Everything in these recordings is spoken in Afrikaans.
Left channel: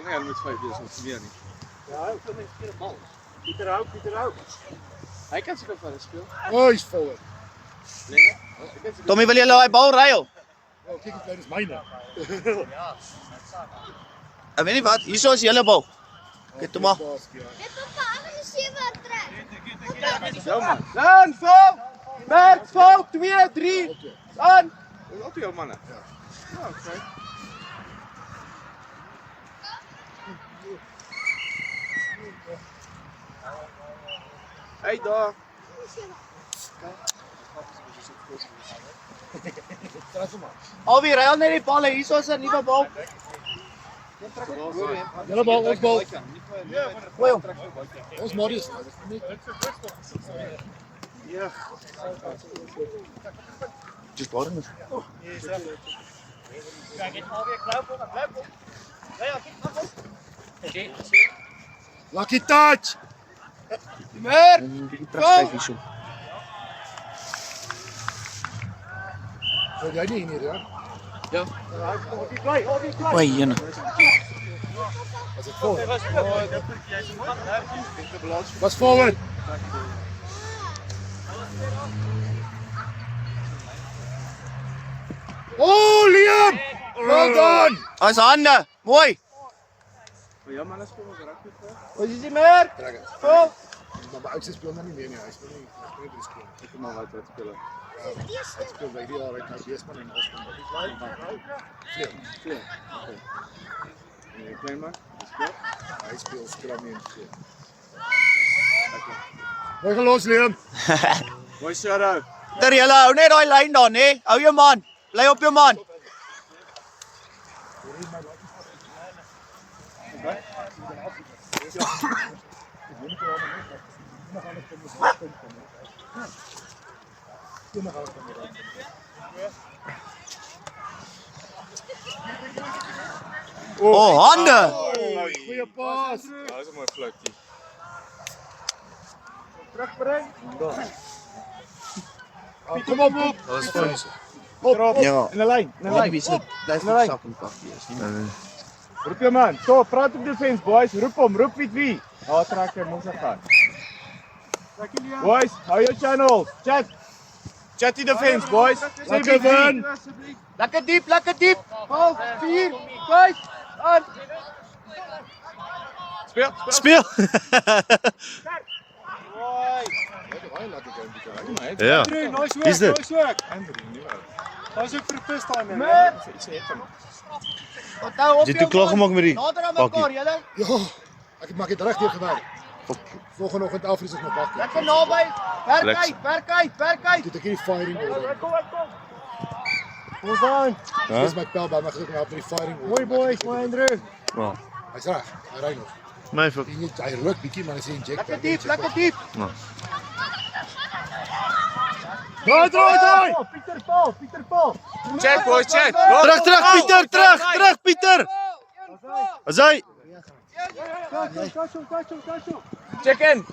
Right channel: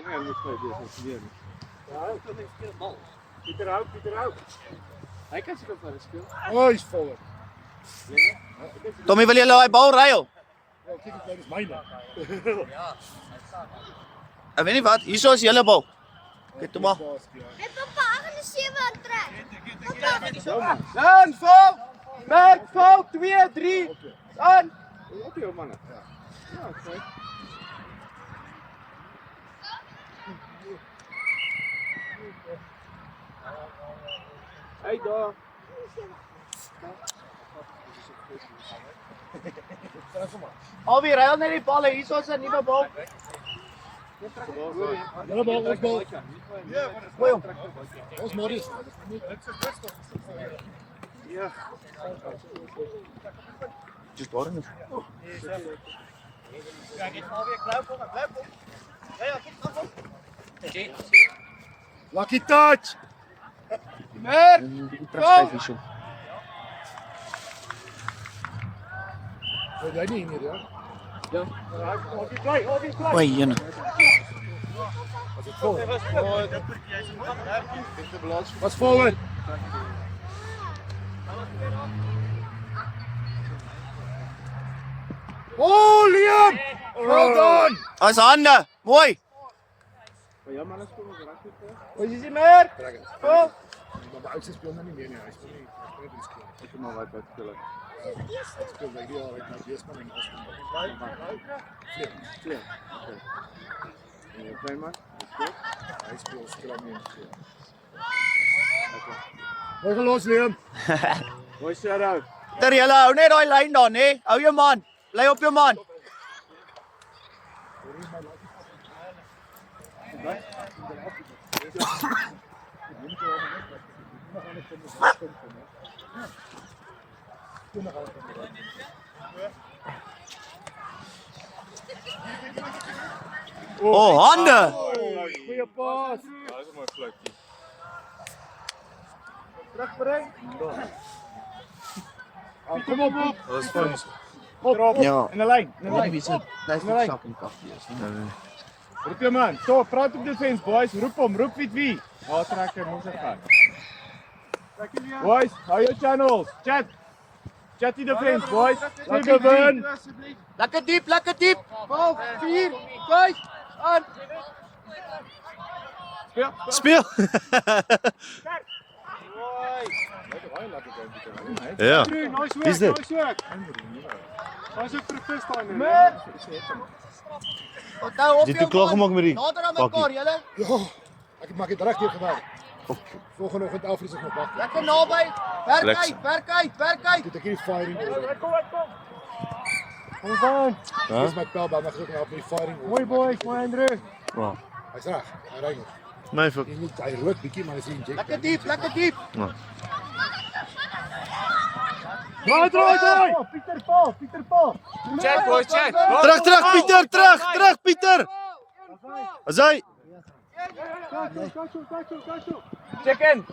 Kom nie, hy moet 5 wees, ons meer nie. Ja, hy kan nie speel bal. Pieter hou. Hy kan seker vir speel. Hy's vol. Tommy, wil jy daai bal ry op? Ja, kyk hoe klein is myne. Ek weet nie wat, hierso is julle bal. Kyk toe maar. Dit kom maar 7 trek. Jou man. Dan vol. Merk vol 2 3. Aan. Dis op jou manne. Ja, okay. Hey daar. Alweer, hy al net die balle, hierso is 'n nuwe bal. Julle bal, ons bal. Gooi hom. Ons Marius. Ja. Dis bal net. Lucky touch. Mer. Terug hierso. Wil jy nie hier ja? Ja. Hobby play. Oei, jene. As dit vol. Was forward. Oh, Liam! Well done! As hande. Mooi. Maar jou manne speel ook rugby vir. Wat is die mer? Vol. Maar ek speel nou nie meer nie. Hy speel nie die skool. Ek kom maar wat speel. Hy speel by die jaar uit nou Weesman en Austin. Speel. Okay. En jy klein man, speel. Hy speel skram nie. Okay. Hoe gaan los, Liam? Mooi shout-out. Ter julle hou net daai lyn daar, hè? Hou jou man. Bly op jou man. Oh, hande. Goeie pas. Ja, dis 'n mooi fluitjie. Terugbring. Kom op. Dat is fyn. Ja. In 'n lyn, Wie se blyf Nee. sak en koffie is. Roep jou man. So, praat op defense boys. Roep hom, roep wie. Daar trek hy mos gaan. Boys, hou jou channels. Chat die defense boys. Lekker win. Lekker diep. 4 5 aan. Speel. Ja. Wie's dit? Hy's ook vir te staan. Jy het toe klaar gemaak met die Nader aan pakkie. mekaar, julle. Ja, ek maak dit reg deur gewerk. Volgende oggend Afries is nog wag. Lekker naby. Werk uit. Dit ek hierdie firing. Kom. Ons dan. Hæ? Dis my pelbal mag ek nou op die firing. Mooi boys, mooi Andrew. Ja. Hy's reg. Hy ry nog. My fuck. Hy ruk bietjie maar hy sê inject. Lekker diep. Draai. Pieter Paul. Chat boys, chat. Terug Pieter, terug Pieter. As hy. Check in.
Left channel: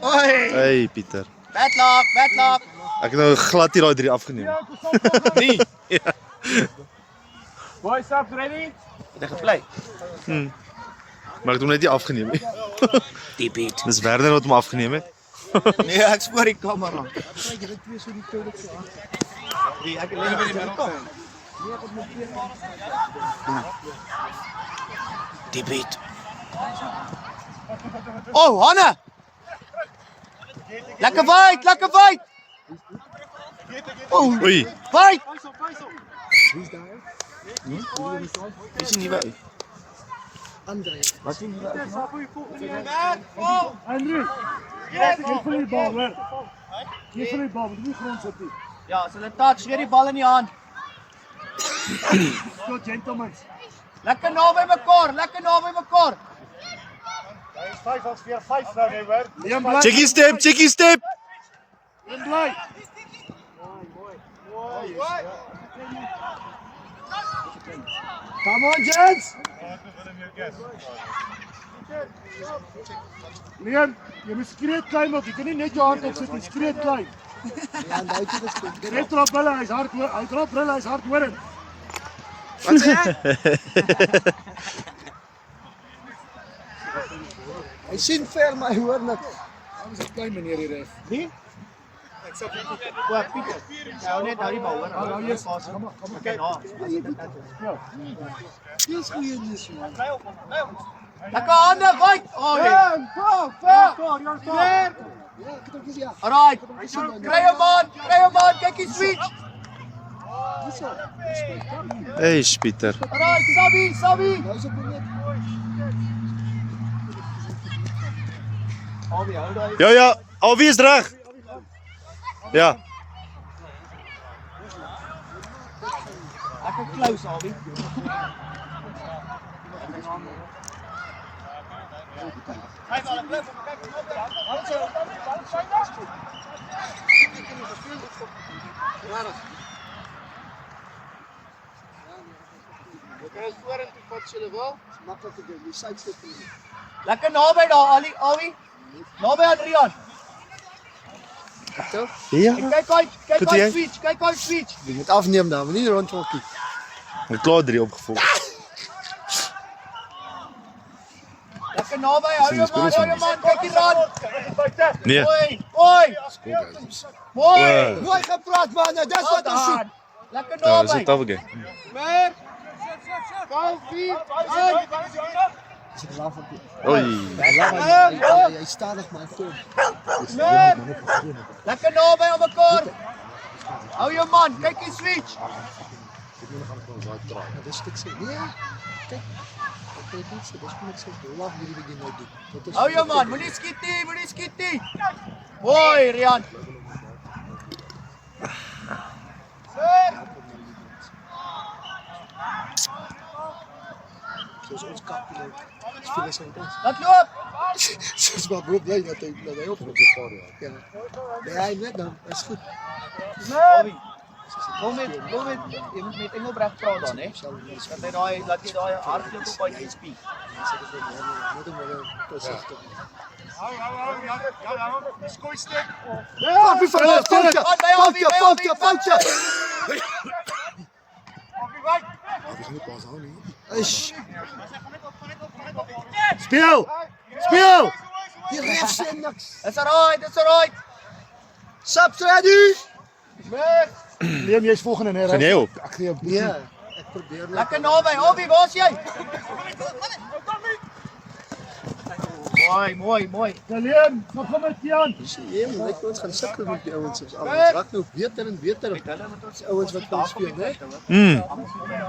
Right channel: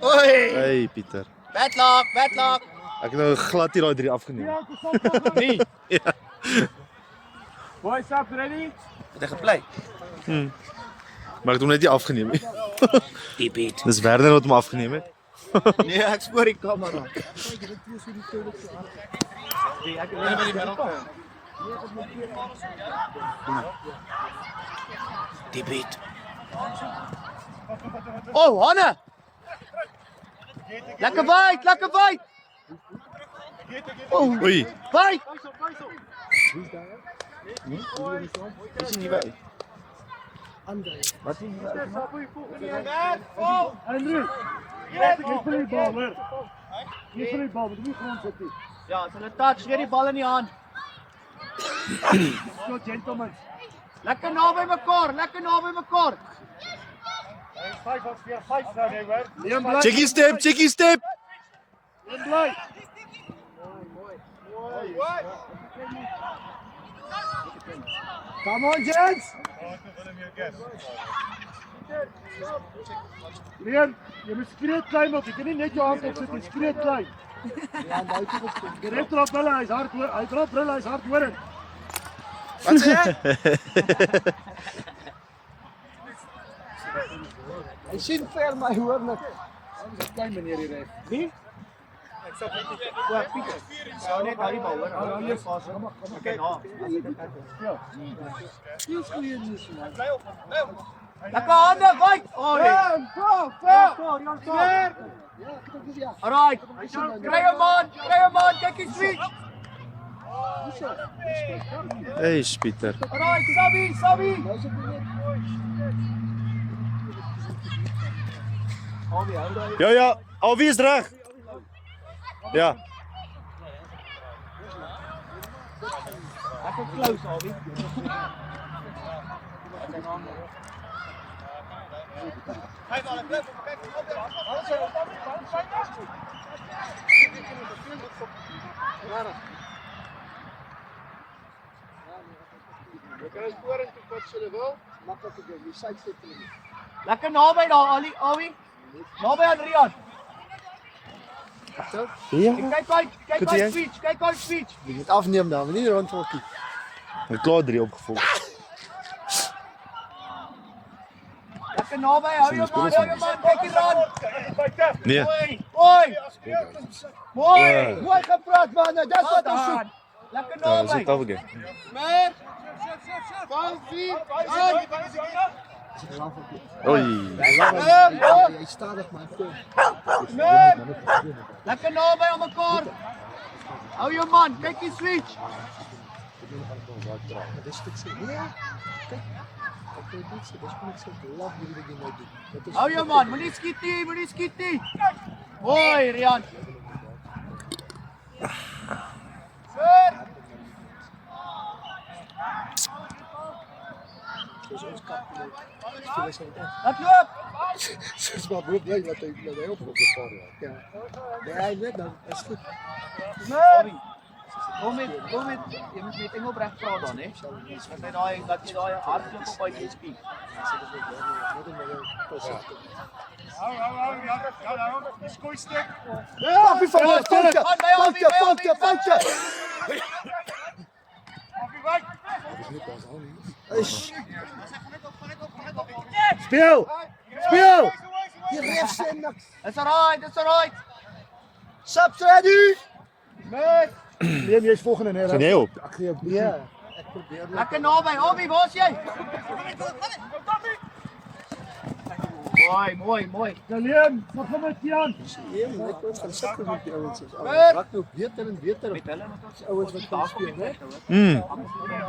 Hey Pieter. Wedlock. Ek het nou glad hier daai 3 afgeneem. Nee. Boys up ready? Het hy geplay? Maar ek het hom net nie afgeneem nie. Diep hit. Dis Werner wat hom afgeneem het. Nee, ek spoor die kamera. Nee, ek lê by die middelkant. Diep hit. Oh, Hanne! Lekker wyd! Oei. Wyd! Is nie by. André. Jy vir die bal, jy grond sit nie. Ja, as hulle touch, weer die bal in die hand. So gentlemen. Lekker naby mekaar. Hy is 5 as 4-5 nou nee hoor. Liam bly. Checkie step. Liam bly. Come on gents. Liam, jy moet skree klein ook. Jy kan nie net jou hand op sit en skree klein. Ja, nou jy dit. Die ref drop hulle, hy's hard hoor. Hy drop hulle, hy's hard hoor. Hy sien ver, maar hy hoor niks. Dis 'n klein meneer hier reg. Wie? O, Pieter. Ja, net daai bal hoor. Ja, yes. Kom maar. Okay, nou. Dis goeie nuus, man. Lekker hande, wait. Oh, Go. Clear. Ja, ek het ook gesien. Ja. Alright. Kry hom man. Kyk die switch. Hey, Pieter. Alright, Sabi. Hy's op die net. Ja, alweer is reg. Ja. Lekker close, Albi. Maklik te doen. Jy sidestep hom. Lekker naby daar, Albi. Naby Adrian. Ja. Kyk Goed, jy? uit switch. Jy moet afneem daar, maar nie rondtrokkie. Ek klaar 3 opgevolg. Lekker naby, hou jou man, kyk hier aan. Nee. Mooi. Mooi gepraat man, dis wat ons soek. Lekker Ja, dis naby. net afgee. Mer. Kom, Oei. Hy stadig man. Lekker naby aan mekaar. Hou jou man, kyk die switch. Dis dit sê. Nee. Kyk. Ek weet nie, dis net so laf hierdie begin nou doen. Hou jou man, moenie skiet nie. Mooi, Rian. Soos ons kap nou. Dis vir ons ons. Laat loop. Soos maar bly dat hy op gevaar het. Ja. Nee, net dan. Is goed. Bobby. Kom met, jy moet met Engelbreg praat dan, hè? Laat jy daai hardloop op by die SP. Skoolstek. Foutjie. Ish. Speel. Die ref sê niks. It's alright. Subs ready? Neem jy's volgende net. Gaan jy op? Ek gee op. Nee, ek probeer net. Lekker naby. Albi, waar is jy? Mooi. Daleen, kom met Jan. Ja, maar ek ons gaan sukkel met die ouens soos almal. Raak nou beter en beter. Die ouens wat kan speel, né?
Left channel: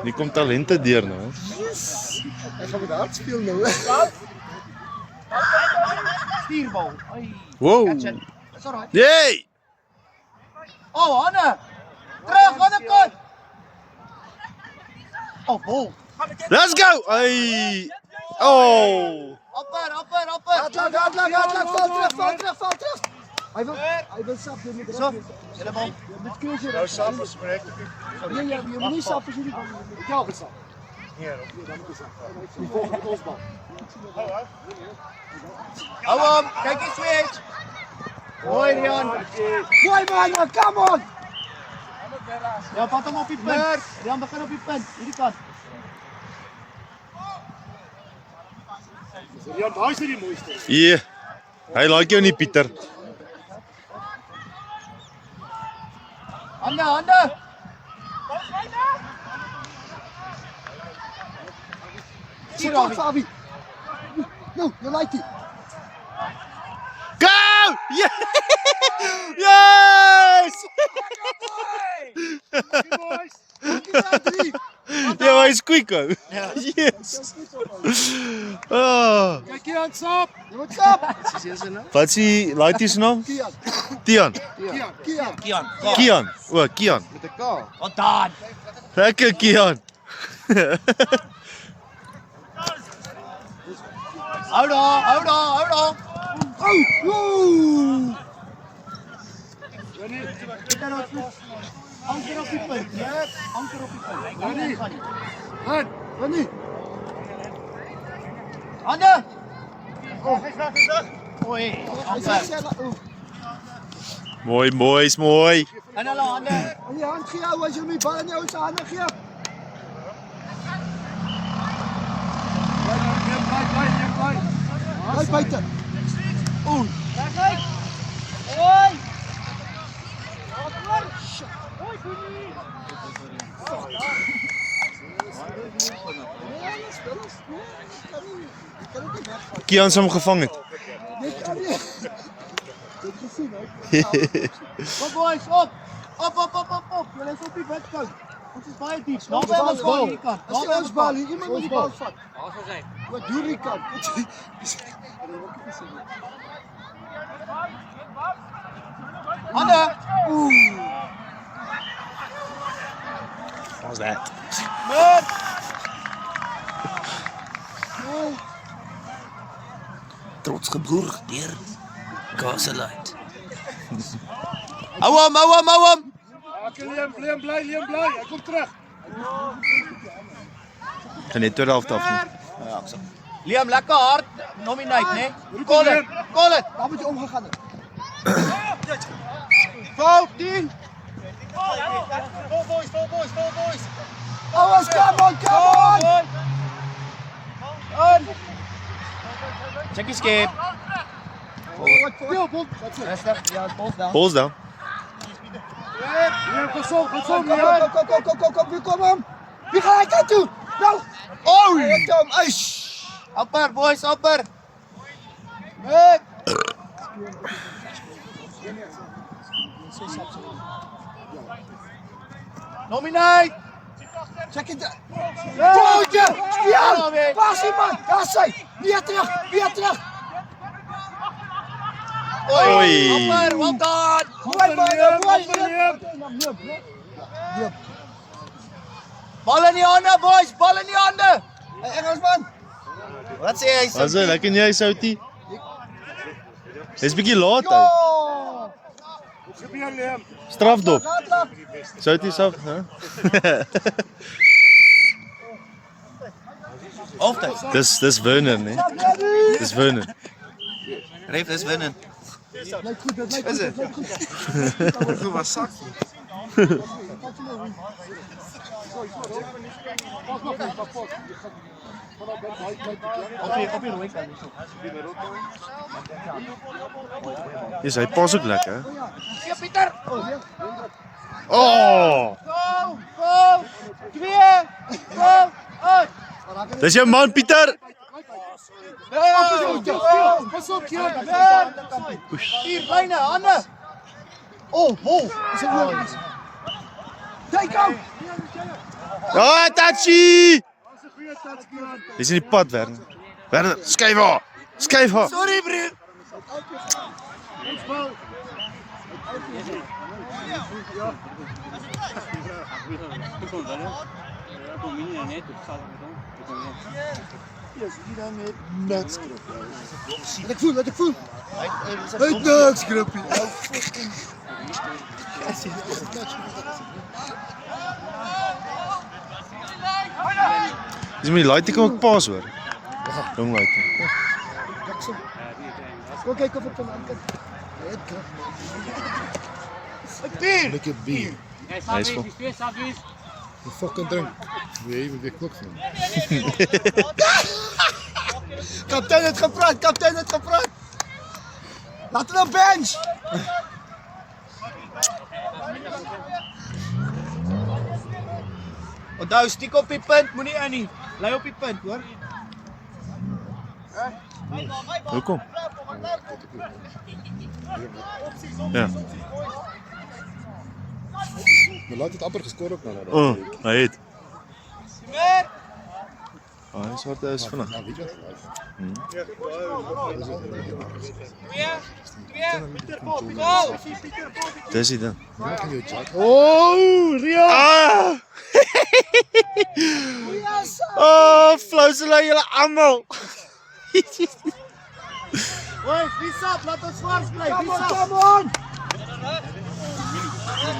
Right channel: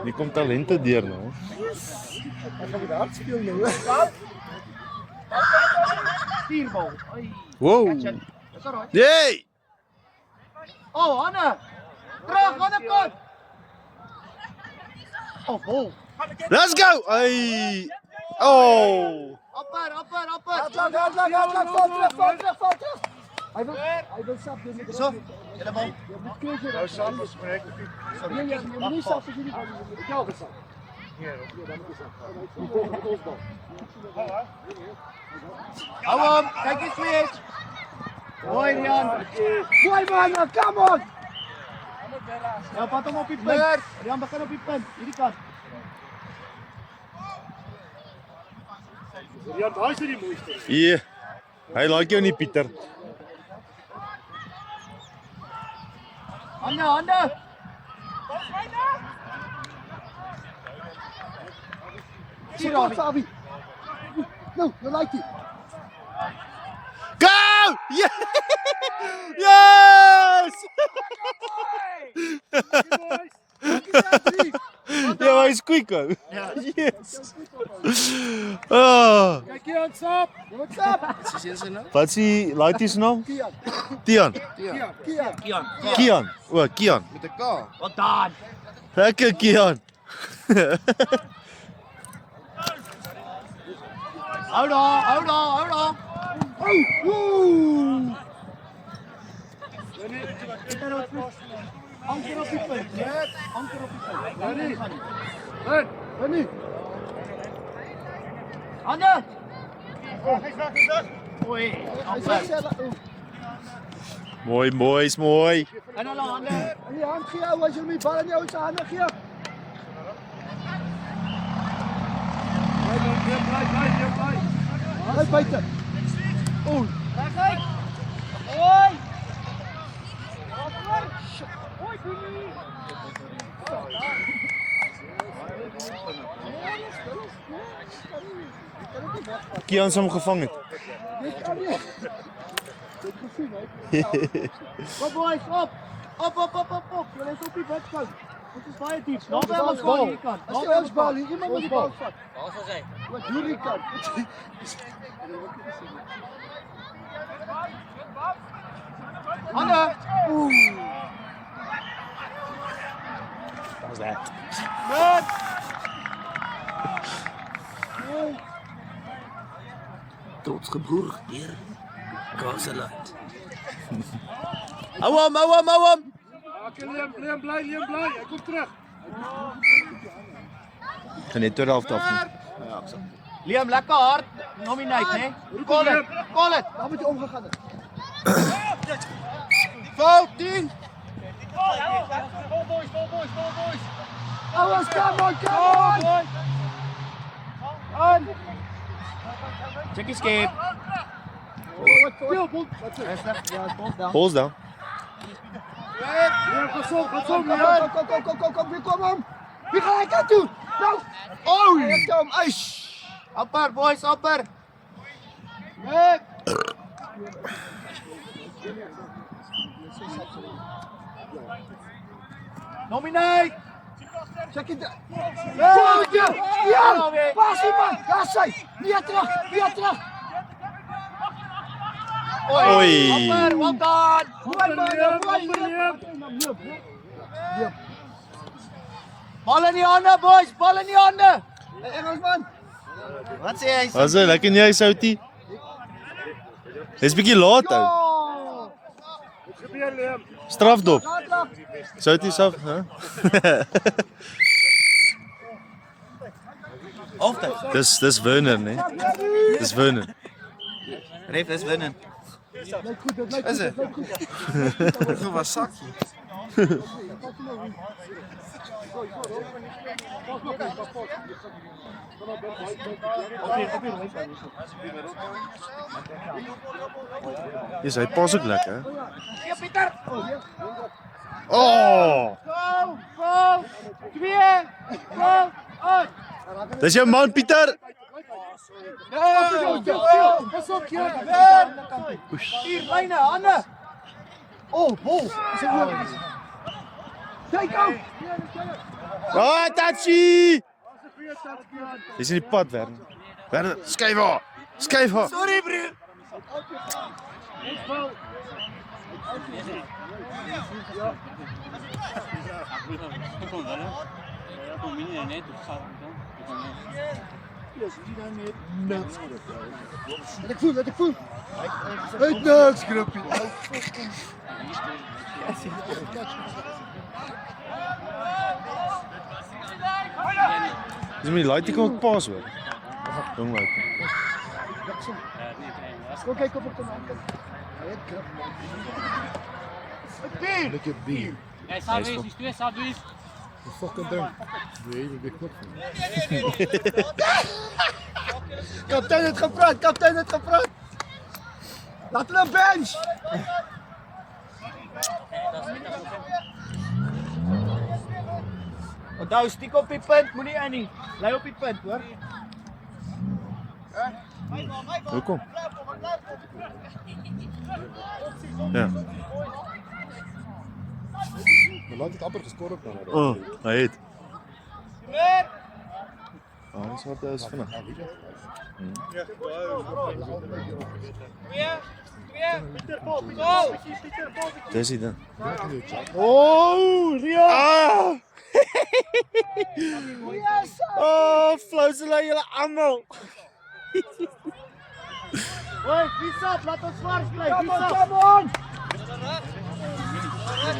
Die kom talente deur nou. Ek gaan met hard speel nou. Stuurbal. Wow. It's alright. Yay! Oh, Anne. Terug aan die kant. Oh, bol. Let's go. Ai. Oh. Upper. Val terug. Hy wil sap doen met die So, sit die bal. Dit kry jy. Nou saam gespreek. Nee, jy moet nie sap as jy nie. Ek jou gesê. Hou hom, kyk die switch. Mooi, Rian. Mooi man, come on. Ja, vat hom op die punt. Rian begin op die punt, hierdie kant. Ja, daai is die mooiste. Ja. Hy like jou nie, Pieter. Hande. Support Fabi. No, you like it. Go! Yeah! Yes! Ja, hy's quick ou. Yes. Oh. Kyk hier aan sap. Jy moet sap. Wat is die laatie se naam? Tian. Kian. O, Kian. Met 'n K. Wat dan? Lekker Kian. Hou daar. Woe! Anker op die punt. Ja, anker op die punt. Wanneer? Hande. Oei. Hy sê Mooi. En hulle hande. aan die hand gee ou as jy my bal in jou se hande gee. Uit buiten. Oeh. Kian hom gevang het. Kom boys, op! Op! Julle is op die wedkant. Ons is baie diep. Laat ons bal hier kan. As jy ons bal, iemand moet die bal vat. Wat doen die kant? Anne. How's that? Trots geboer deur Kaseluit. Hou hom. Liam bly. Hy kom terug. Gaan net tweede helfte af nie. Liam, lekker hard. Nominate, né? Call it. Waar moet jy omgegaan het? Fout 10. Ouens, come on! Check his skip. Veel, Bob. Balls down. Kom hem! Wie ga ik aan toe? Nou! Oh! Kom, eish! Upper, boys, upper. Nominate. Check it out! Jootje! Ja! Pas die man! Daar zijn! Weer terug! Oei. Upper, well done. Bal in die hande, boys, bal in die hande. Engelsman! Wat sê hy? Wat sê, lekker nie, Soutie? Dis bietjie laat uit. Gebeur Liam. Strafdop. Soutie self, hè? Halftyd. Dis Werner, nee. Dis Werner. Ref is winnen. Is het? Hoe was sak? Dis hy pas ook lekker. Oh! Dis jou man Pieter. Pas op, hier, bijna, handen. Oh, bol! Kijk hem! Ja, Tachi! Dis in die pad, Werner. Werner, skuif haar. Skuif haar. Sorry, broer. Laat ik voel. Uit nuksgrupje. Dis my laaite kom ek pas hoor. Jong laaite. Kom kijken of ik kan aankijken. Lekker bier. Hy is vol. Een fucking drink. Nee, met die knop van. Kaptein het gepraat. Laat het op bench. Onthou, stiek op die punt, moenie aan nie. Bly op die punt, hoor. Hoekom? Ja. Maar laat het amper gescoord op nou. Oh, hy het. Ah, hy swart is vanaf. Dis dit dan. Oh, Ria. Ah! Oh, flousela julle almal. Hoi, wie sap, laat ons swars bly, wie sap. Come on!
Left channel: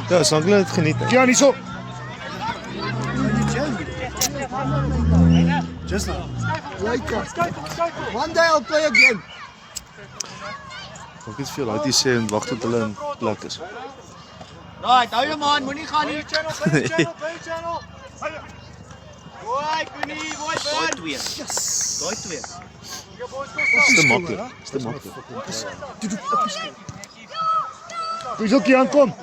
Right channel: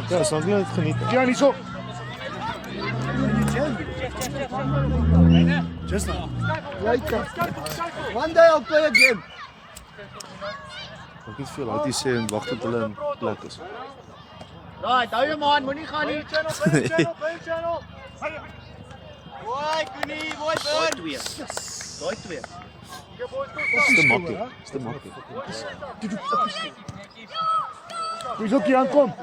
Ja, sal ek dit geniet. Ja, nie so. Just now. Later. One day I'll play again. Ek het veel laatie sê en wag tot hulle in plek is. Right, hou jou man, moenie gaan nie. Hoi, Koenie, mooi man. Daai twee. Is te makkelijk. Is te makkelijk. Dis ook hier aankom.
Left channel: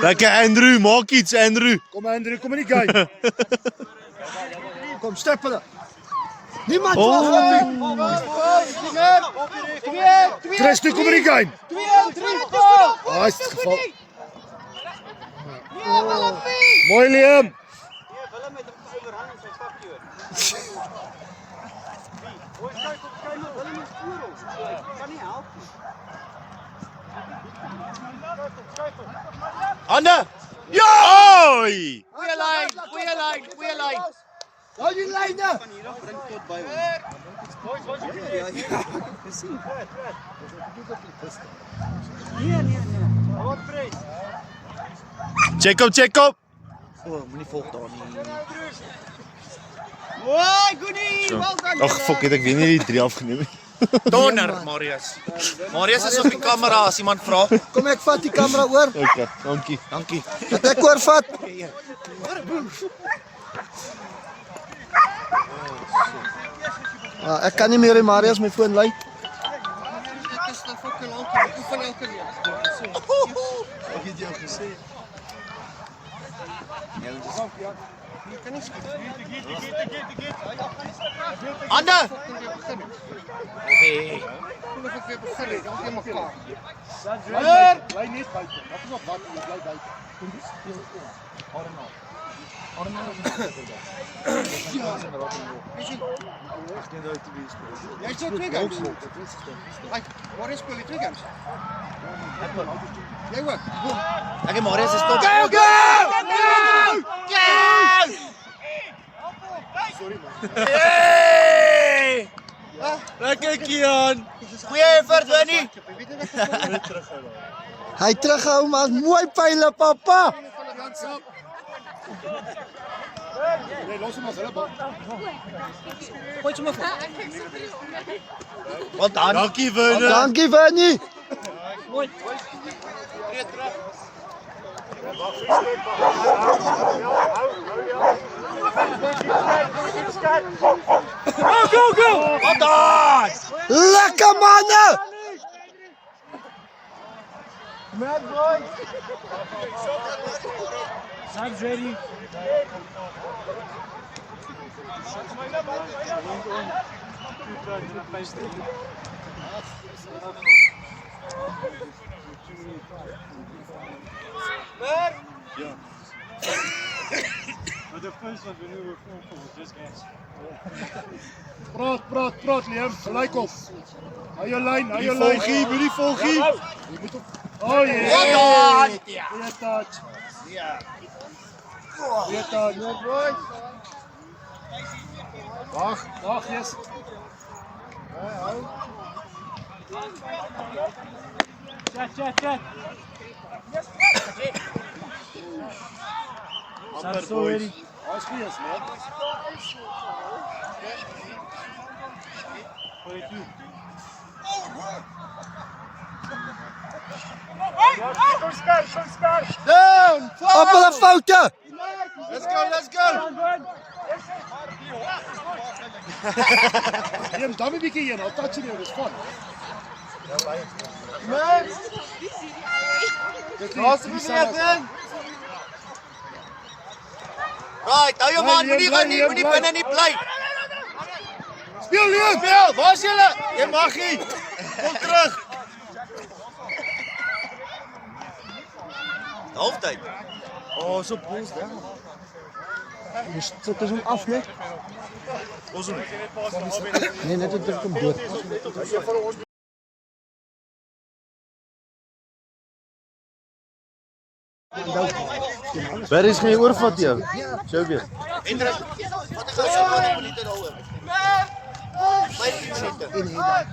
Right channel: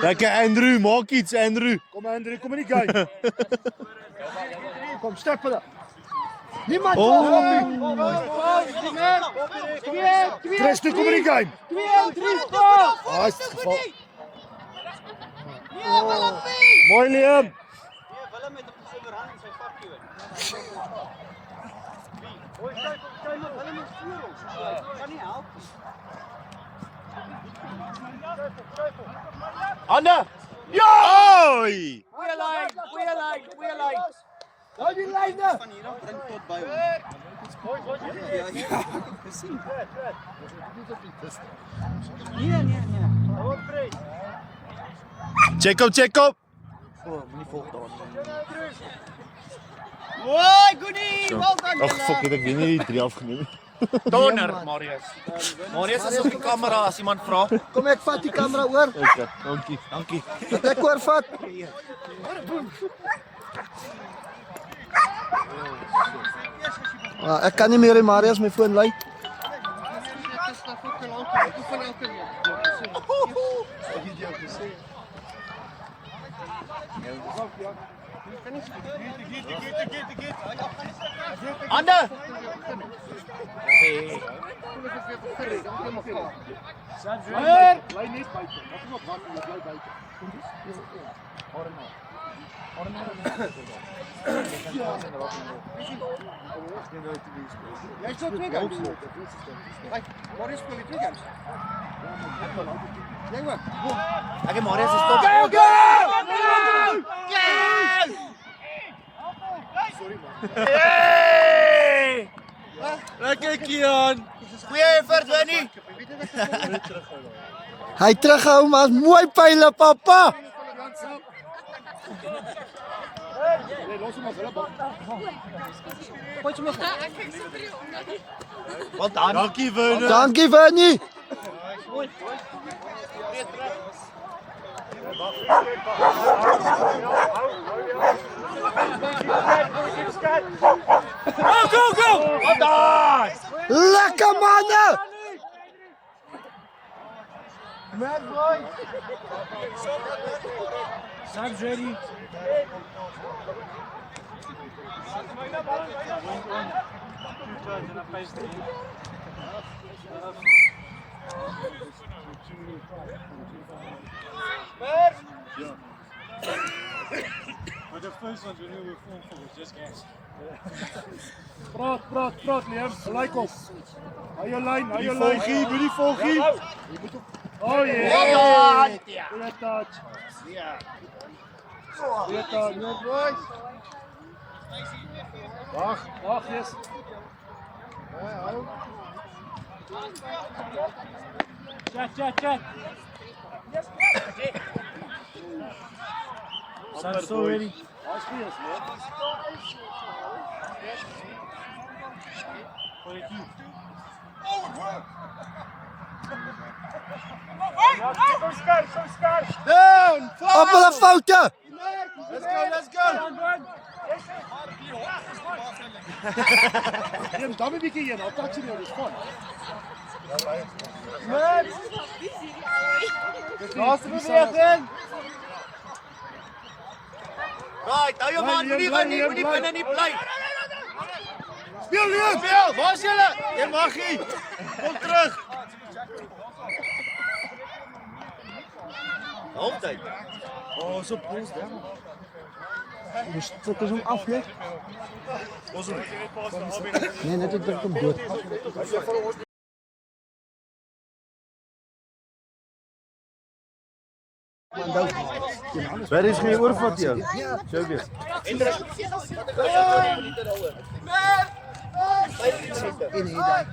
Lekker Andrew, maak iets Andrew. Kom Andrew, kom in die game. Kom, step hulle. Niemand Oh. Christo, kom in die game. 2, 3, 4. Ah, is het geval. Mooi Liam. Hande! Oi! Goeie lyn, goeie lyn, goeie lyn. Hou die lyne. Check op. Moenie volg daar nie. Ag, fuck, het ek weer nie die 3 afgeneem. Donner, Marius. Marius is op die kamera as iemand vra. Kom ek vat die kamera oor. Okay, dankie. Dat ek oorvat. Ek kan nie meer die Marius my foon lei. Hande! Bly net buite. Wat is wat wat jy bly buite. Jy sê 2 games. Waar is speel jy 2 games? Jy ook. Ek en Marius is top. Lekker Kian. Goeie effort, Winnie. Hy terughou maar mooi pyle papa. Wat dan? Dankie Winnie. Dankie Winnie. Wat dan? Lekker manne. Praat Liam, gelyk op. Hou jou lyn, Moenie volgie. Oh yeah. Goeie touch. Goeie touch. Wag, yes. Check. That's so ready. That's good, man. Down! Op hulle foute. Let's go! Liam, dan 'n bietjie heen. I'll touch you, it's fun. Laaste beweging. Right, hou jou man, moenie binne nie bly. Speel Liam. Speel, waar is julle? Jy mag nie. Kom terug. Halftyd. Oh, so pos daar. Dit is hom af net. Nee, net ek druk hom dood. Waar is my oorvat jou? Showbiz. Hendrik, wat ek gou 20 minute daaroor. 15 minute.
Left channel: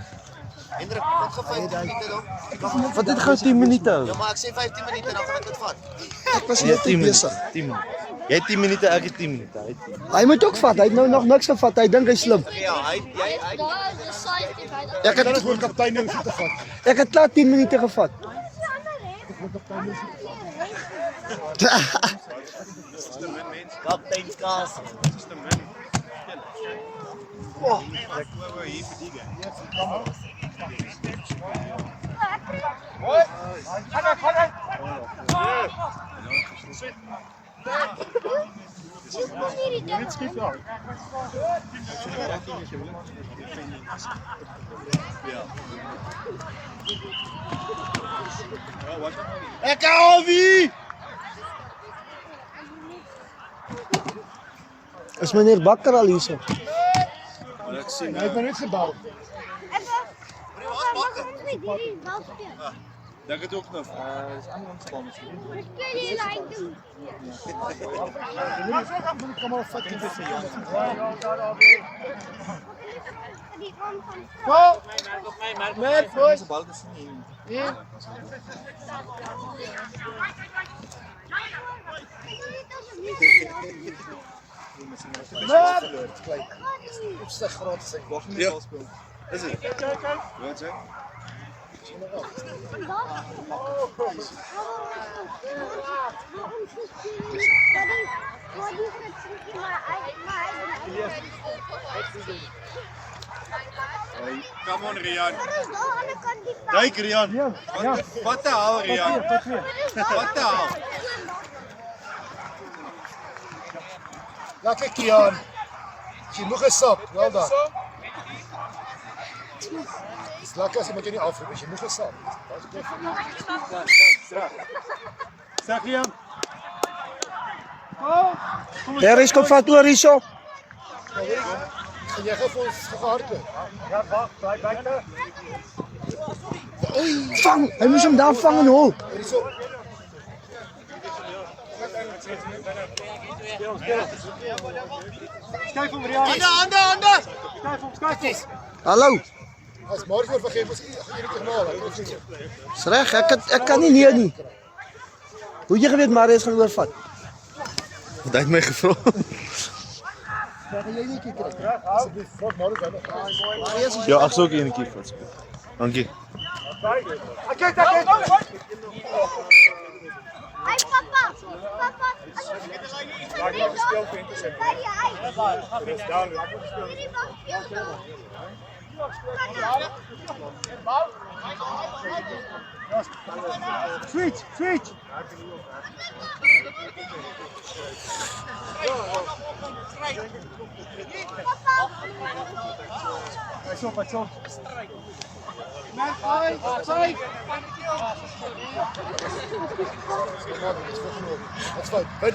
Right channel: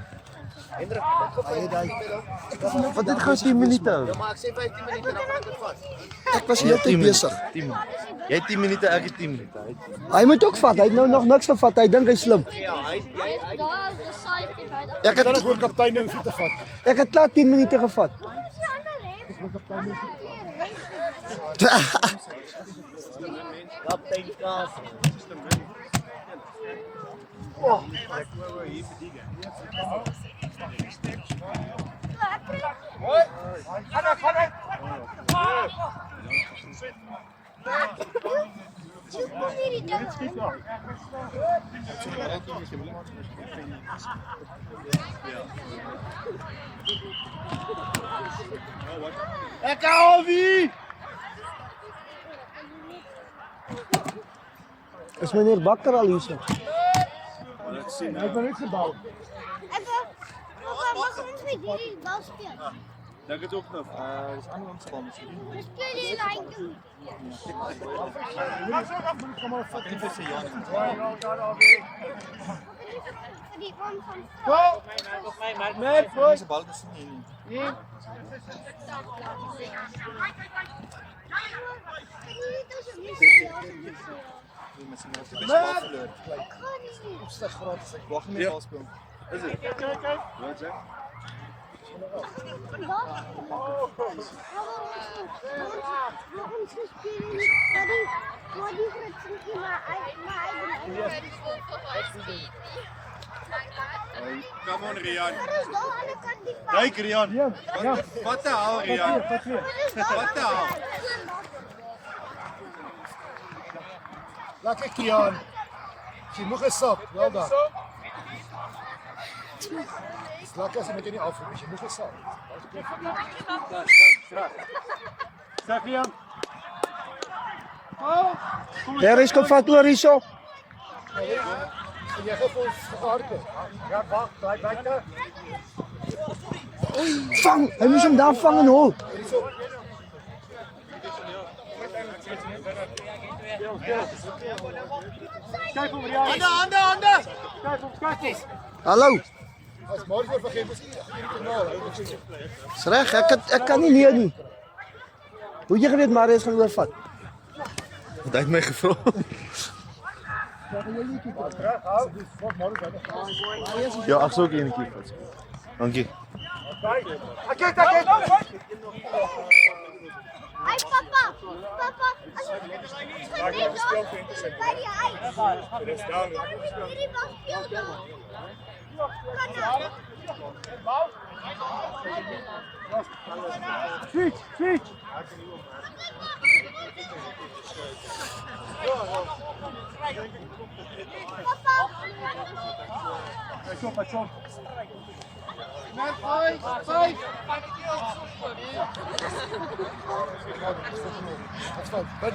Hendrik, wat gou 15 minute dan? Wat dit gou 10 minute hou. Ja, maar ek sê 15 minute dan gaan ek dit vat. Ek was Nee, net 10 besig. minute. 10 minute. Jy het 10 minute, ek het 10 minute. Hy moet ook vat. Hy het nou nog niks gevat. Hy dink hy's slim. Okay, ja, hy Ek het Gewoon kaptein en voete vat. klaar 10 minute gevat. Kaptein Kaas. Is meneer Bakker al hier so? Hy het maar net gebal. Mag ons niet die bal spelen? Dink dit ook nog. We spelen hier eigenlijk. Kom maar vat dit. Die man van Met boys. Is dit? Wat sê? Come on Rian. Kyk Rian. Wat te haal Rian? Wat te haal? Laat ek Kian. Sy moeg gesap, wel dan. Dis lekker as jy moet jy nie afroep, jy moeg gesap. Sê Rian. Harris kom vat oor hierso. En jy gaan vir ons gehardloop. Ja, wag, daai buite. Vang, hy moes hom daar vang en hol. Hierso. Kyk hom Rian. Hande. Kyk hom. Hallo. As môre vergeet ons hierdie ternaal. Dis reg, ek kan nie nee nie. Hoe jy geweet Marius gaan oorvat? Hy het my gevra. Ja, ek sou ook eenetjie vat. Dankie. Hey papa. Laat hom gespeel vir intercept. Dit is down. Laat hom speel. Switch. Pas op. That's fine. But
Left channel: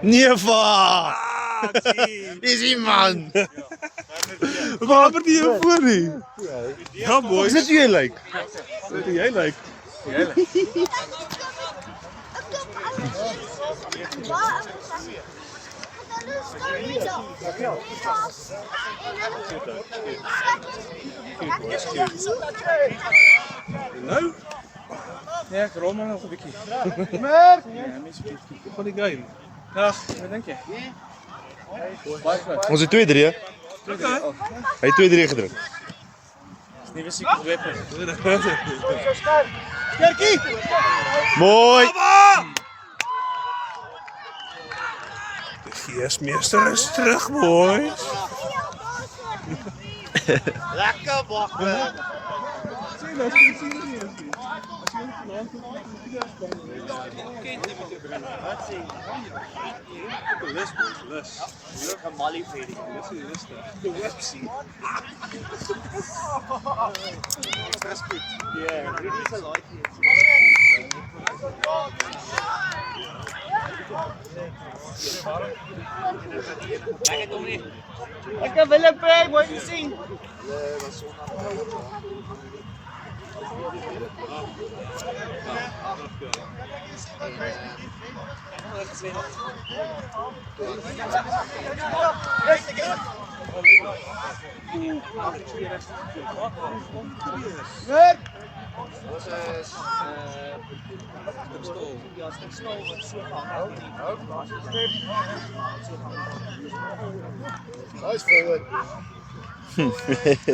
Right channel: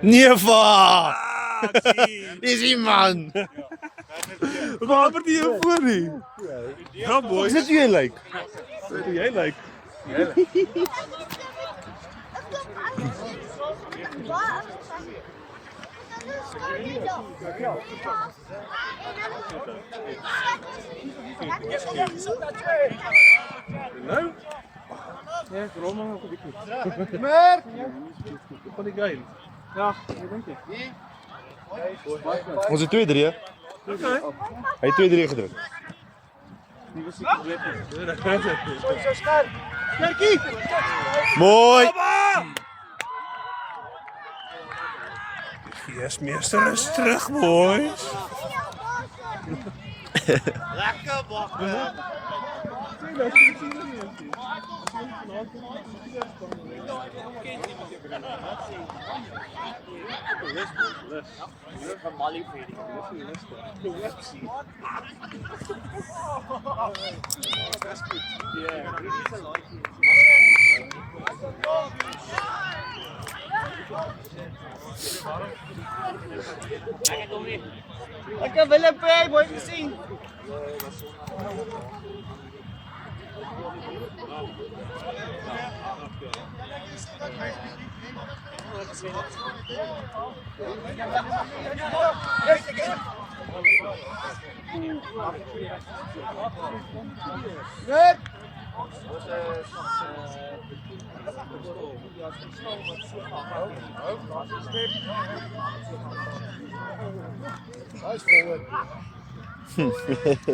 Nee, va. Is die man. Waar word jy voor nie? Ja, boy. Is dit hoe jy lyk? Dit hoe jy lyk. Nou? Nee, ek rol maar nog 'n bietjie. Van die game. Ja, wat dink jy? Ons het 2-3 hè? Okay. Hy het 2-3 gedruk. Dis nie seker weapon. Kerkie. Mooi. Die geesmeester is terug, mooi. Lekker bakker. Sien, dit is nie. Ek wil Willem Prey mooi sien.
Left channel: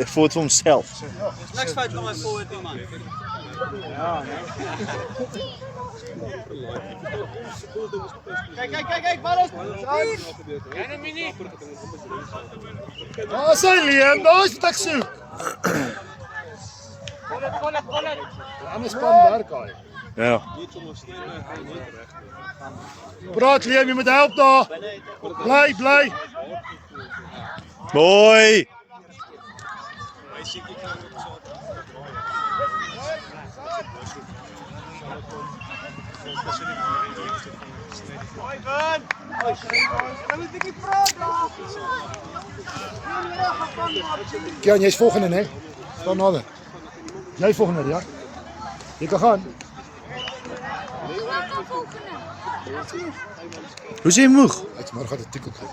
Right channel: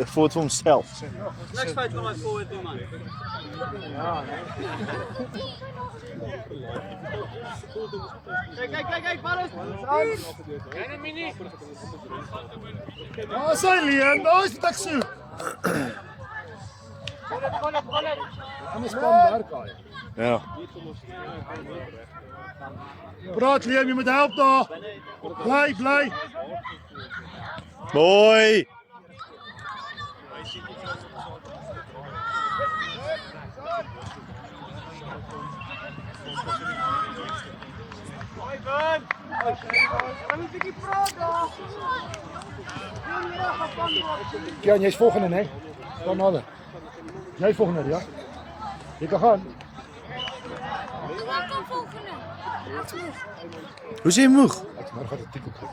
Voort vir homself. Next fight van my forward team man. Kyk, bal is. Daar is hy, Liam, daar is wat ek soek. Anders kan werk hy. Ja. Praat Liam, jy moet help daar. Bly. Boy. Kian, jy's volgende, né? Staan nader. Jy volgende, ja? Jy kan gaan. Hoe is jy moeg? Ek maar gaan 'n tikkel kry.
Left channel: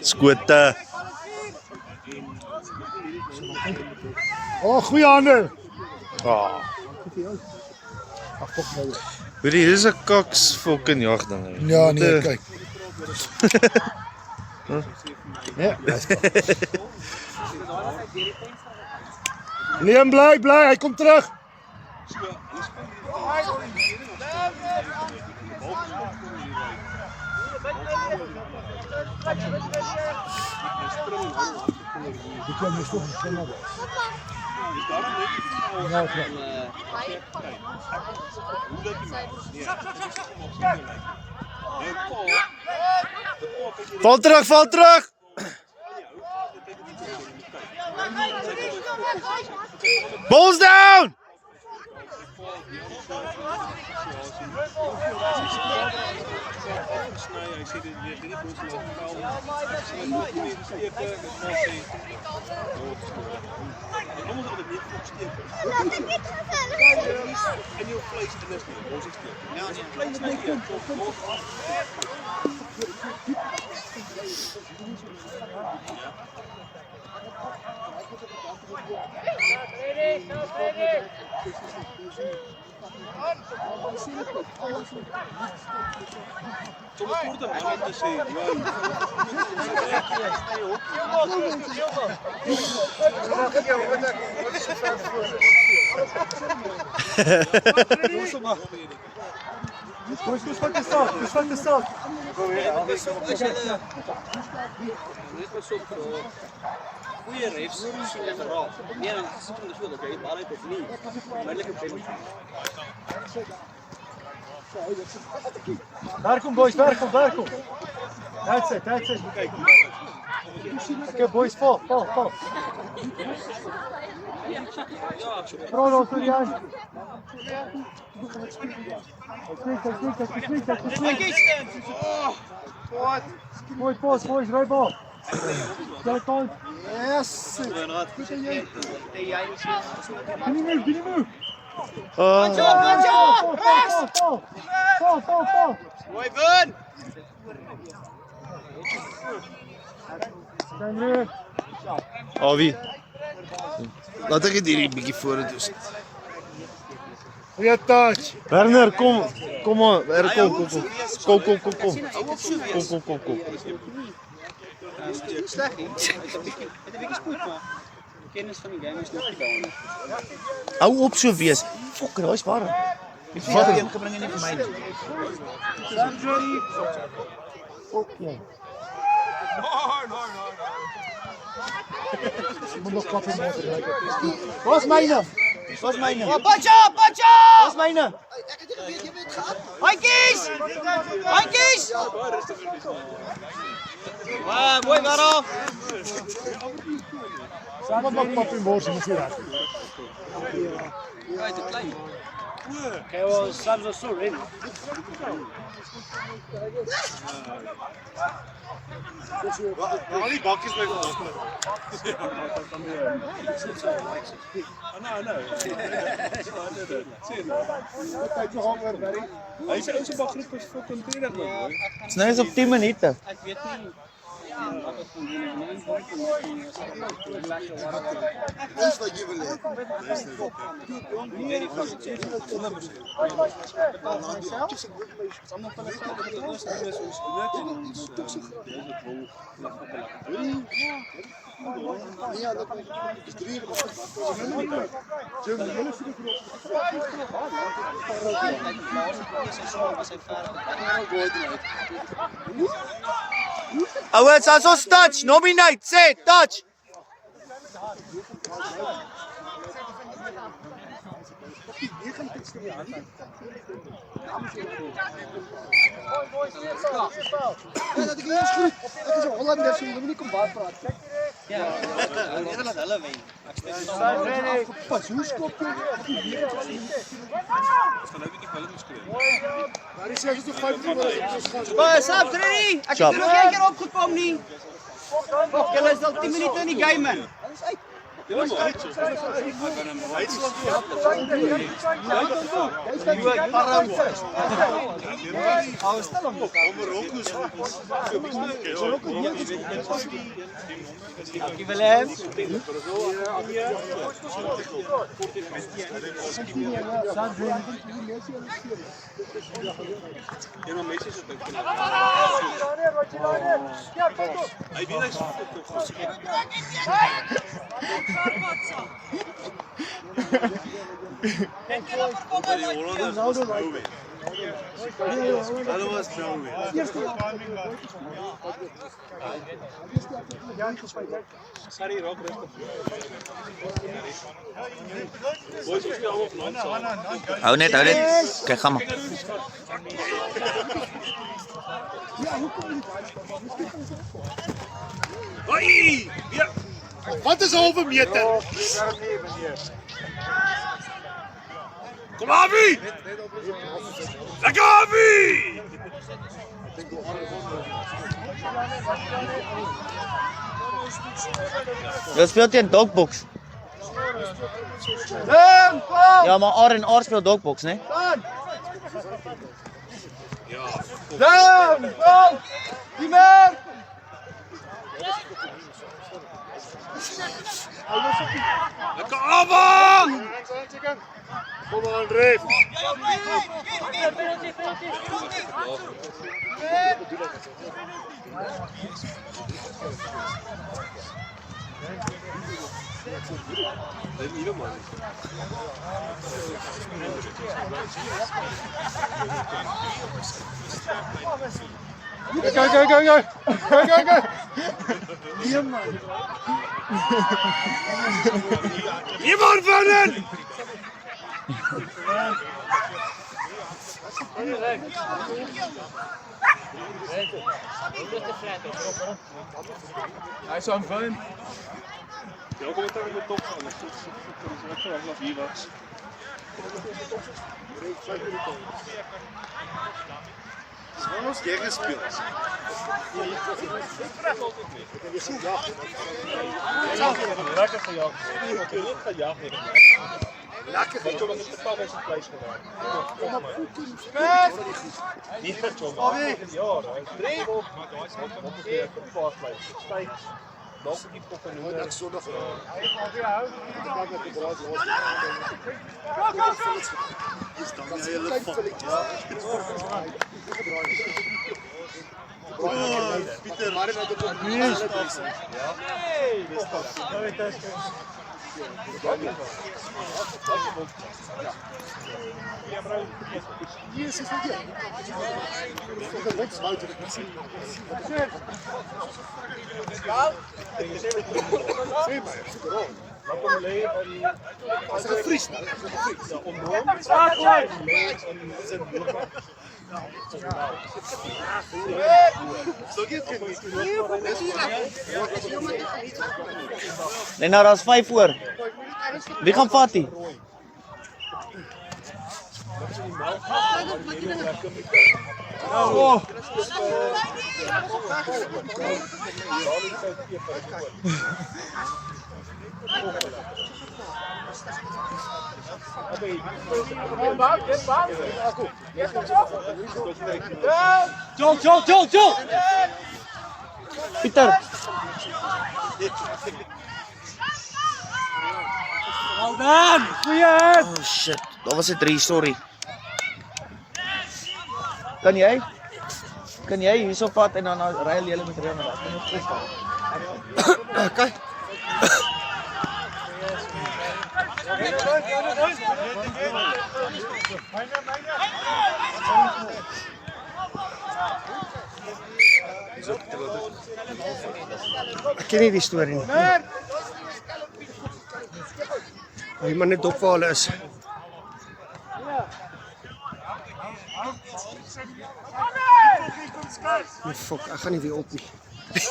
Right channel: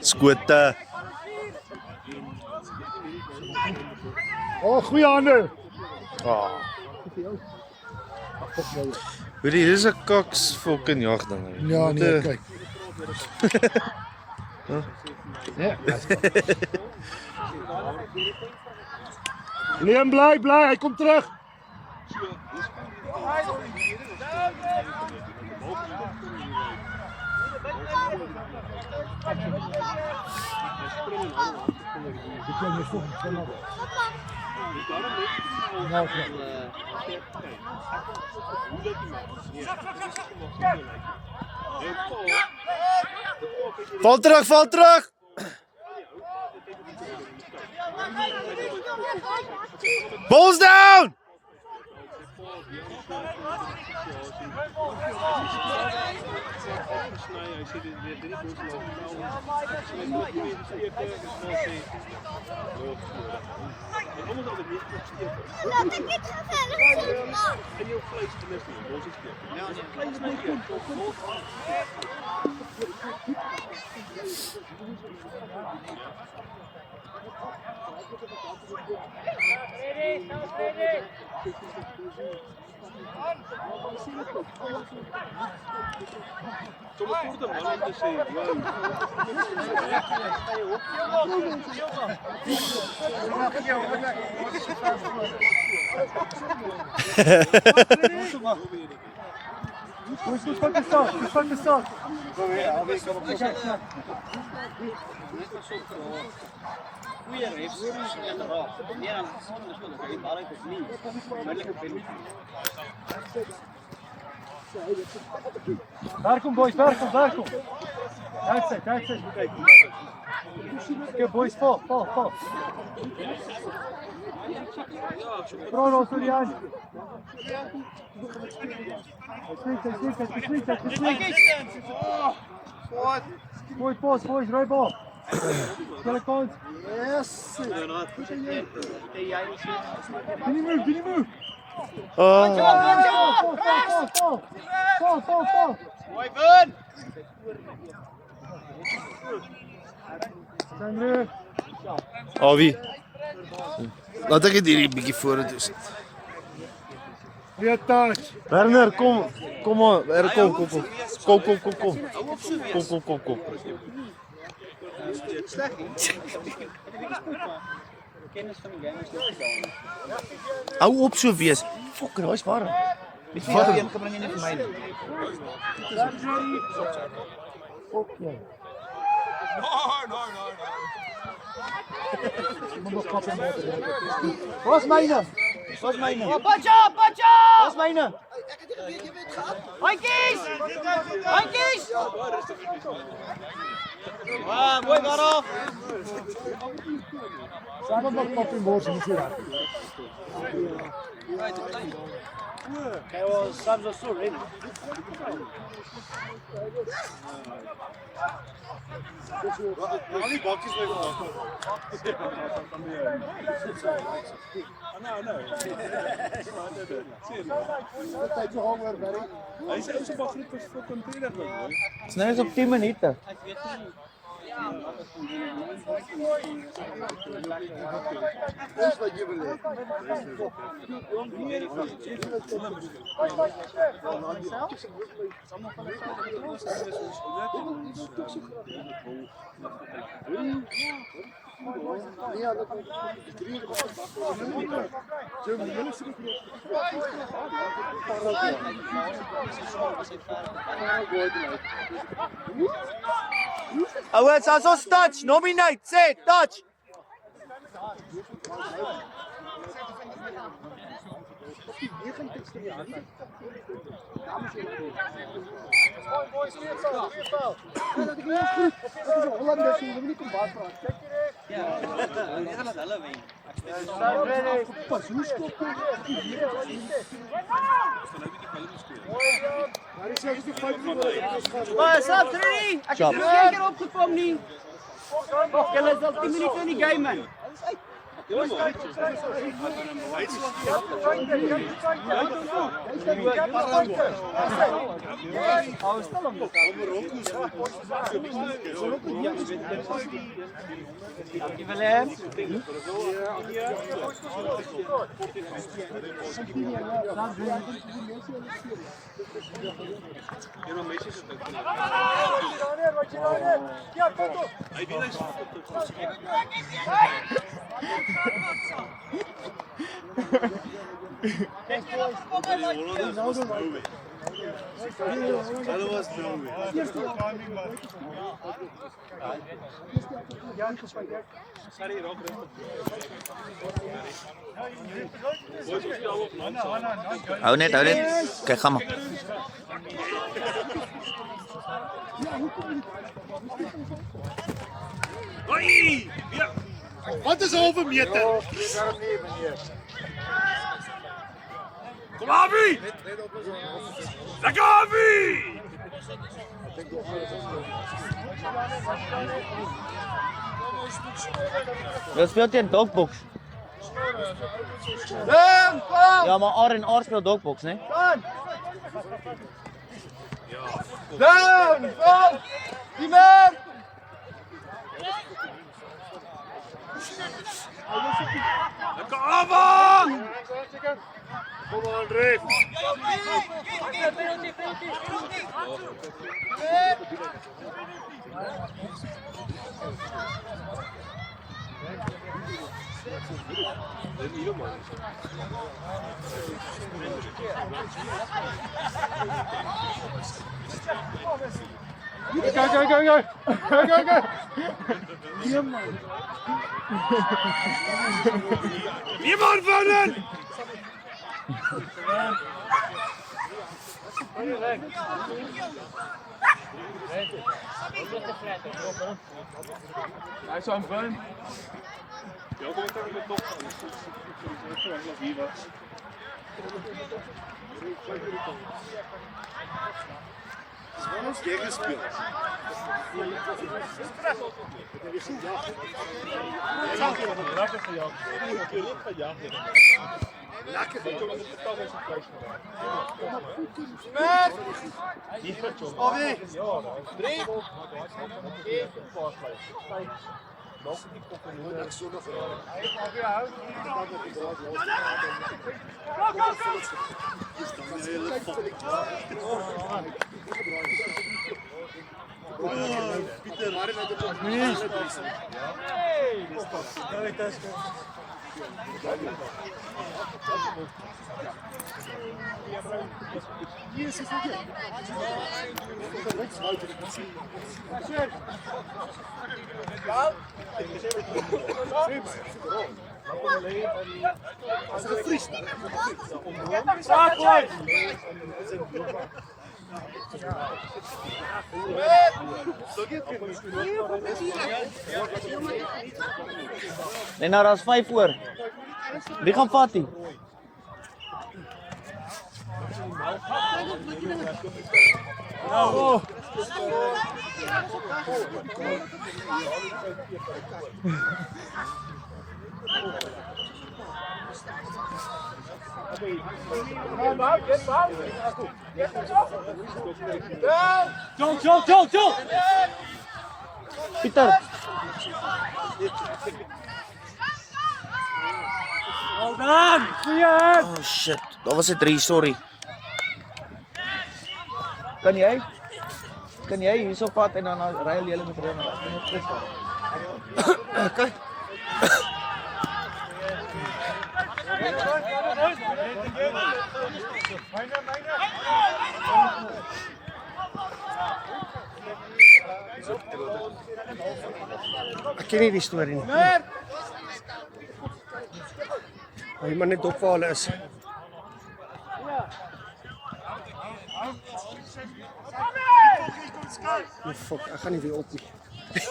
Skote. Oh, goeie hande. Ah. Weet jy, dis 'n kaks fucking jag ding. Ja, nee, kyk. Nee. Liam, bly, hy kom terug. Val terug. Balls down. Goeie refs en raak. Nee, dan is het so dat jy die bal uit of nie. Duidelike penalty. Welkom boys, welkom. That's it. Okay boys, fall. Pro, Surian. Boys, right ball. Telephone. Yes. Can you move? Oh. Fall. Mooi Bun. Awie. Laat ek dit hierdie bietjie vorentoe sit. Goeie touch. Werner, kom aan. Werner, kom. Kom. Hou op so wees. Kom. Sleg nie. Het 'n bietjie spoed maar. Kennis van die game is nog nie daar. Hou op so wees. Fokker, hy's warm. Weet jy wat een gebring en nie vir my nie. Okay. Wat is myne? Bacha! Wat is myne? Handjies! Mooi daarop. Samen met papi Morsi moet je raken. voor. Well, Sams are so ready. Al die bakkies by vandag. I know. Kyk nog oor, Barry. Hy sê ou se bakgroep is fucking 20 man. Dis nou eens op 10 minute. Ons wat jy wil hê. Ja, dat is 3 uur op. Jim, julle sê dit Ouens, as ons touch, nominate, sê touch. Ja, dat ek eers goed. Ek is 'n Hollander, so jy moet nie kom baie praat. Kyk pas, hoe skop jy? Maar is jy so 5 minute? Sap, ready? Ek het nog een keer opgekom nie. Julle is al 10 minute in die game man. Dankie Willem. Maar die Hollanders was nou weer. Hulle was nou weer. Hou net. Kyk, gaan maar. Hoi! Ja. Wat is 'n halwe meter? Kom Avi! Lekker Avi! Wat speel teen Dogbox? Ja, maar R en R speel Dogbox, né? Lekker Avi! Kom aan, Ref. Go. Niemand winnen! Hij zou hem fijn. Ja, kom ik dan met top gaan. Dat is vanaf hier was. Het is wel ons derde speel. Lekker gejaagd. Natuurlijk gejaagd worden. Lekker van Thomas het totaal met zijn vlees geraakt. Niet vet Thomas. Ja, hij is drie. Maar hij is ook nog een paar vlees. Steeds. Nog die koppen. Dat is zondag. Is dan een hele fok. Pieter, maar dat is ook niet. Ja. Yes, is dit. Ek het net swaar dit gesien. As ek vries. Nee, nou, dat is 5 oor. Wie gaan vat die? Pieter. Oh shit, dat was 'n 3, sorry. Kan jy hierso vat en dan ry jy hele met ry na reg. Kan jy plus vat? Okay. Ek ken nie die storie nie. Hy maar net dop waar hulle is. Die fok, ek gaan nie weer op nie.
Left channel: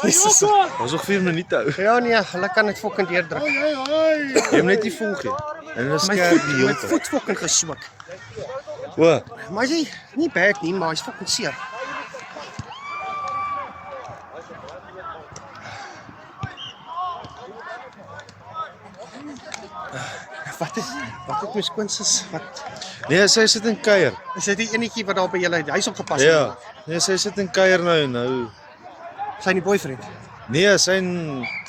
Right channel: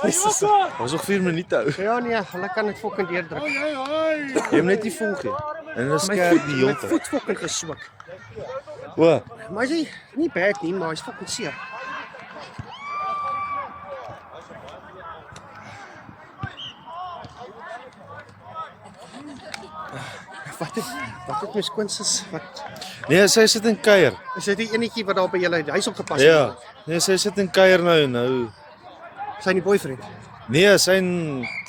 Jesus, dat was nog 4 minute ou. Ja nee, hulle kan dit fucking deurdruk. Jy moet net nie volg nie. En hulle skerp die My hele tyd. voet fucking geswik. O, Maar hy nie bad nie, maar hy's fucking seer. Wat het my skoonsis? Wat nee, sy sit in kuier. is dit die enetjie wat daar by julle huis opgepas Ja. het? Nee, sy sit in kuier nou. Sy nie boyfriend. Nee, sy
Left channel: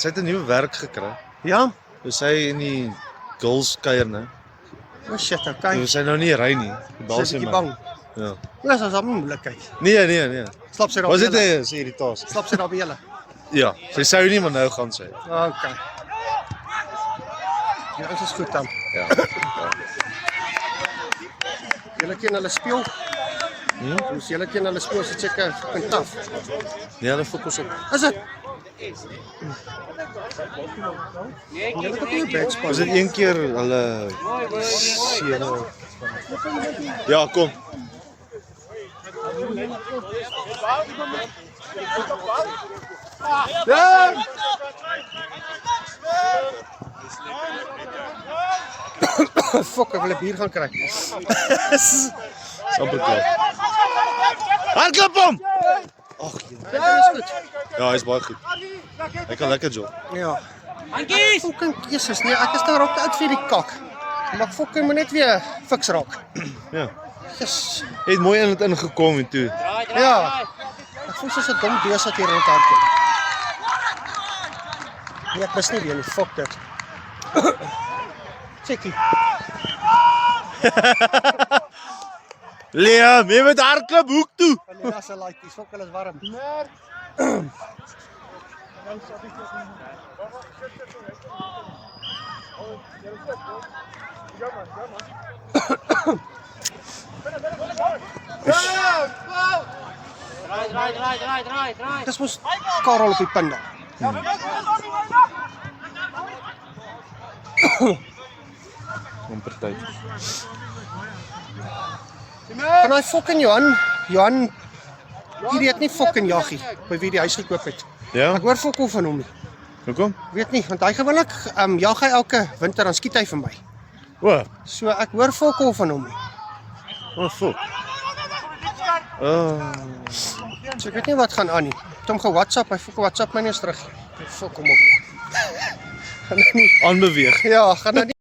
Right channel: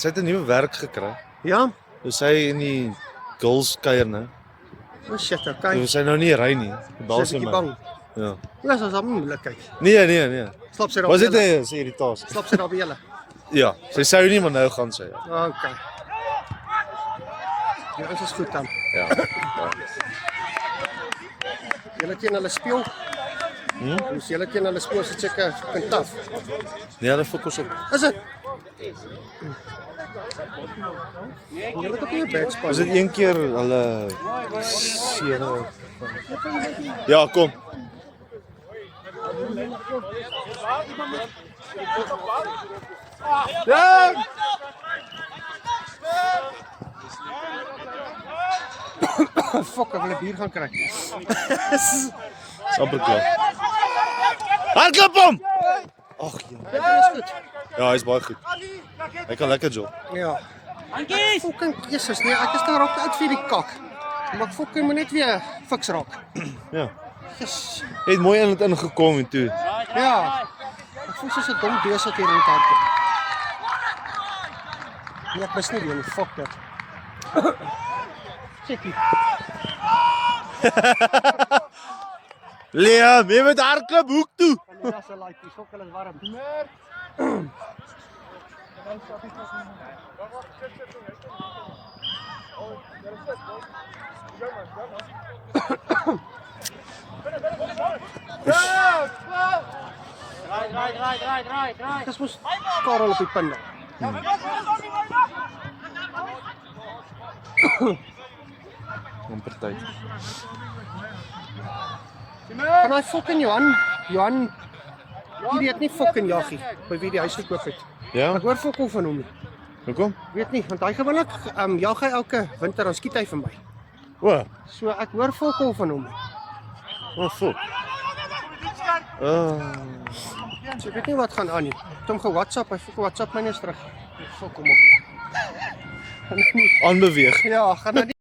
het 'n nuwe werk gekry. Ja? Dus sy in die girls kuier nou. Oh shit, okay. Dus sy nou nie ry nie. Bel Sy sy bietjie my. bang. Ja. Ja, dis 'n moeilikheid. Nee. Slap sy daar Was by dit julle? 'n irritasie? Slap sy daar by julle? Ja, sy sou nie, maar nou gaan sy. Okay. Ja, dit is goed dan. Ja. Julle ken hulle speel. Dus julle ken hulle speel so seker fucking taaf. Nee, hulle fokus op. Is dit? Julle het ook nie 'n bad span. Was dit een keer hulle 7? Ja, kom. Ja! Fuck, ek wil 'n bier gaan kry. Amper klaar. Hardloop hom! Ag, ja, hy's baie goed. Hy kan lekker jog. Ja. Dankie. Fucking Jesus, nee, ek is daar op uit vir die kak. Maar ek fucking moet net weer fiks raak. Ja. Yes. Hy het mooi in dit ingekom en toe. Ja. Ek voel soos 'n dom bees wat hier rond hardloop. Nee, ek mis nie weer nie, fuck dit. Checkie. Liam, jy moet hardloop hoek toe. Nee, as 'n like, dis fuck hulle is warm. Draai. Dis mos Karel op die punte. Amper tyd. Kan hy fucking Johan hierdie het nie fucking jaggie by wie die huis gekoop het. Ja? Ek hoor fuck of van hom nie. Hoekom? Weet nie, want hy gewoonlik jag hy elke winter dan skiet hy vir my. O, So ek hoor fuck of van hom nie. wat fuck. Oh. So ek weet nie wat gaan aan nie. Ek het hom ge-WhatsApp, hy fuck WhatsApp my nie eens terug. Fuck hom op. Gaan nou nie. Aanbeweeg. Ja, gaan nou nie